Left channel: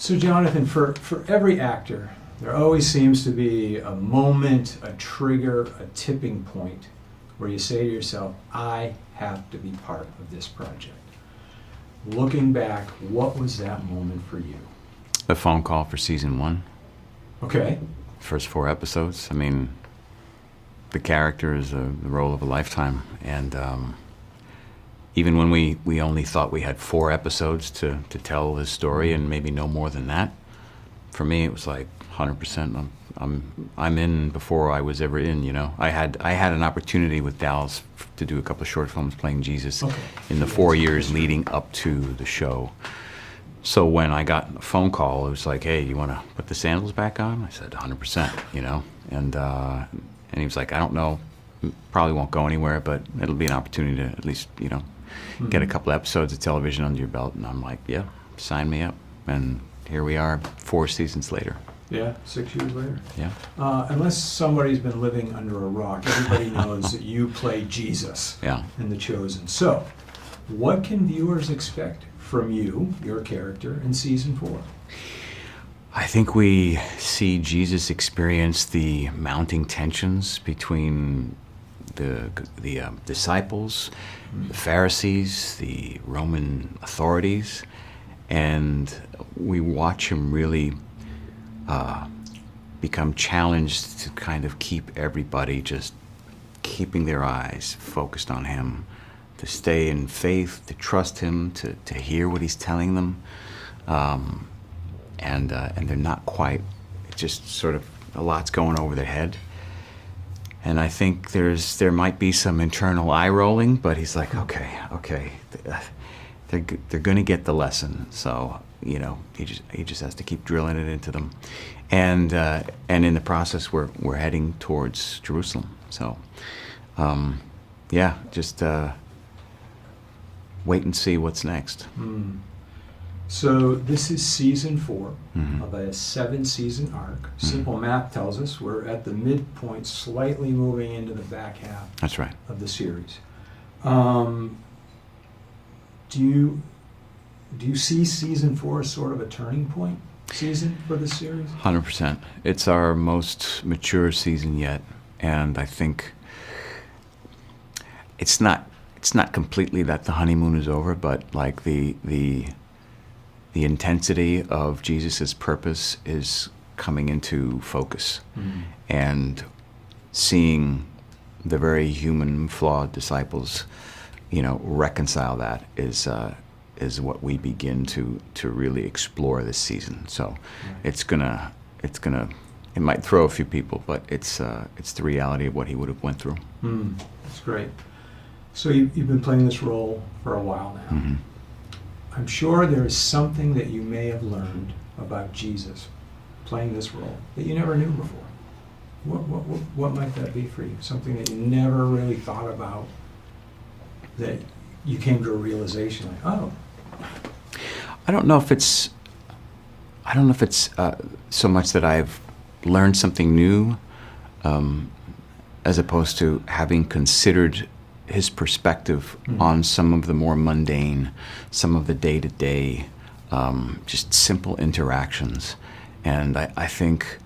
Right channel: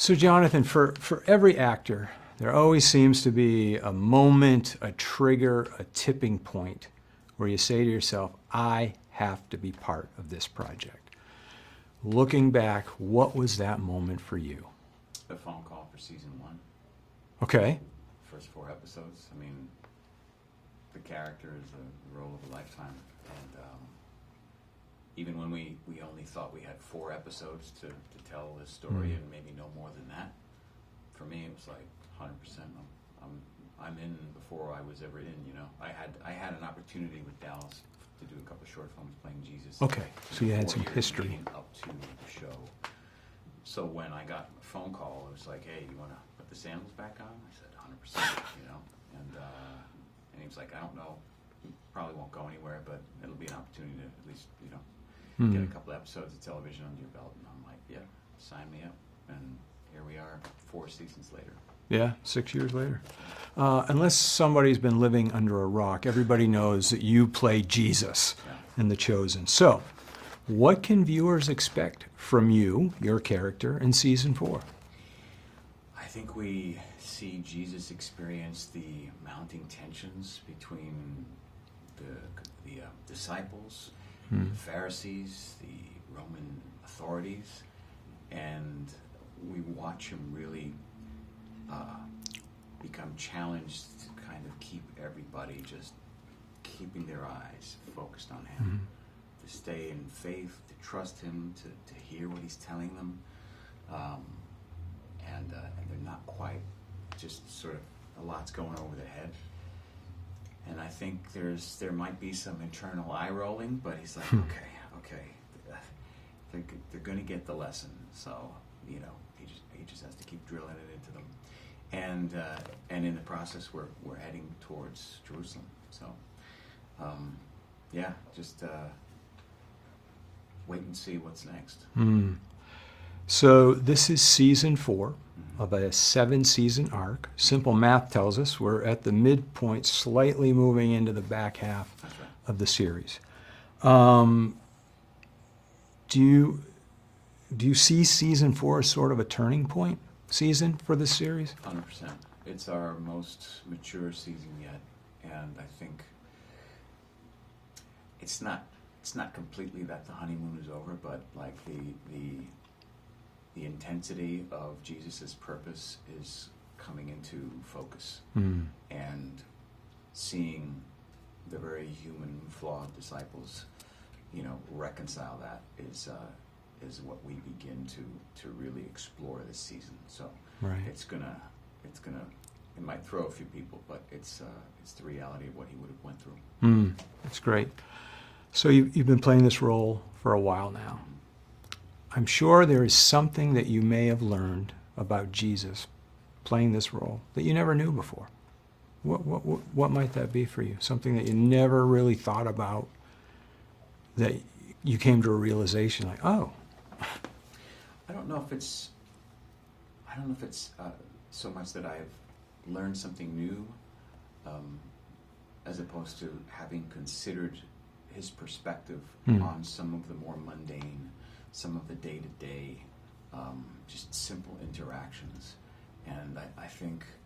So Jonathan, for every actor, there always seems to be a moment, a trigger, a tipping point where you say to yourself, I have to be part of this project. Looking back, what was that moment for you? The phone call for season 1. Okay. First 4 episodes. I mean, the character is the role of a lifetime. And even when we only thought we had 4 episodes to tell this story and maybe no more than that, for me it was like 100%. I'm in before I was ever in, you know. I had an opportunity with Dallas to do a couple of short films playing Jesus in the 4 years leading up to the show. So when I got a phone call, it was like, hey, you want to put the sandals back on? I said 100%, you know. And he was like, I don't know, probably won't go anywhere, but it'll be an opportunity to at least, you know, get a couple episodes of television under your belt. And I'm like, yeah, sign me up. And here we are 4 seasons later. Yeah, 6 years later. Yeah. Unless somebody's been living under a rock, everybody knows that you play Jesus in The Chosen. So, what can viewers expect from you, your character, in season 4? I think we see Jesus experience the mounting tensions between the disciples, the Pharisees, the Roman authorities, and we watch him really become challenged to kind of keep everybody just keeping their eyes focused on him, to stay in faith, to trust him, to hear what he's telling them. And they're not quite, it's just sort of a lot's going over their head. And I think there might be some internal eye rolling, but he's like, okay, they're going to get the lesson. So, you know, he just has to keep drilling it into them. And in the process, we're heading towards Jerusalem. So, yeah, just wait and see what's next. So this is season 4 of a 7-season arc. Simple math tells us we're at the midpoint, slightly moving into the back half. That's right. Of the series. Do you see season 4 as sort of a turning point season for the series? 100%. It's our most mature season yet, and I think it's not completely that the honeymoon is over, but like the intensity of Jesus's purpose is coming into focus, and seeing the very human, flawed disciples, you know, reconcile that is what we begin to really explore this season. So it might throw a few people, but it's the reality of what he would have went through. That's great. So you've been playing this role for a while now. I'm sure there is something that you may have learned about Jesus playing this role that you never knew before. What might that be for you? Something that you never really thought about, that you came to a realization like, oh. I don't know if it's so much that I've learned something new, as opposed to having considered his perspective on some of the more mundane, some of the day-to-day, just simple interactions. And I think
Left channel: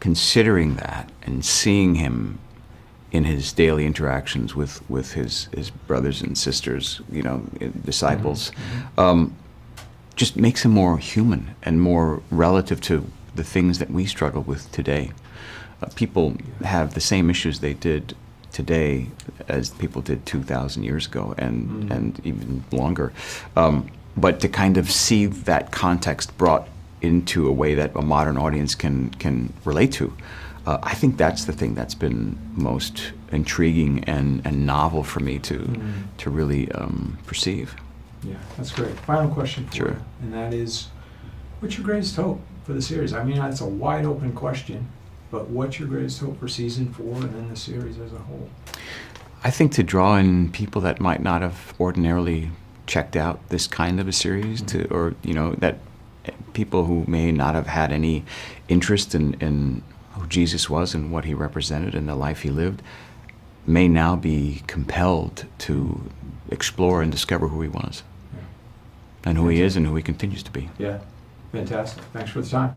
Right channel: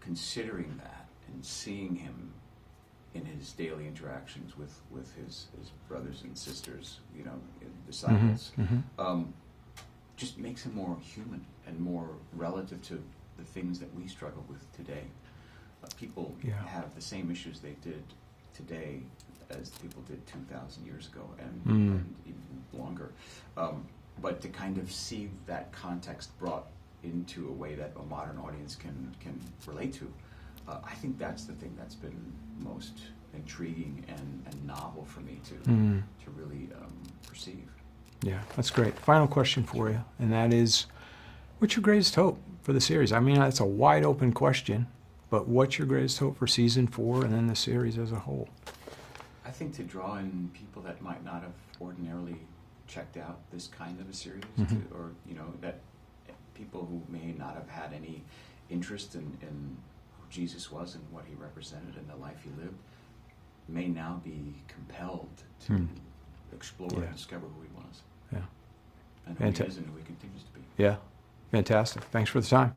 considering that and seeing him in his daily interactions with his brothers and sisters, you know, disciples, just makes him more human and more relative to the things that we struggle with today. People have the same issues they did today as people did 2,000 years ago, and even longer. But to kind of see that context brought into a way that a modern audience can relate to, I think that's the thing that's been most intriguing and novel for me to really perceive. Yeah, that's great. Final question for you, and that is, what's your greatest hope for the series? I mean, it's a wide open question, but what's your greatest hope for season 4 and then the series as a whole? I think to draw in people that might not have ordinarily checked out this kind of a series, or you know, that people who may not have had any interest in who Jesus was and what he represented and the life he lived, may now be compelled to explore and discover who he was. Yeah. and who he is and who he continues to be. Yeah, fantastic. Thanks for the time.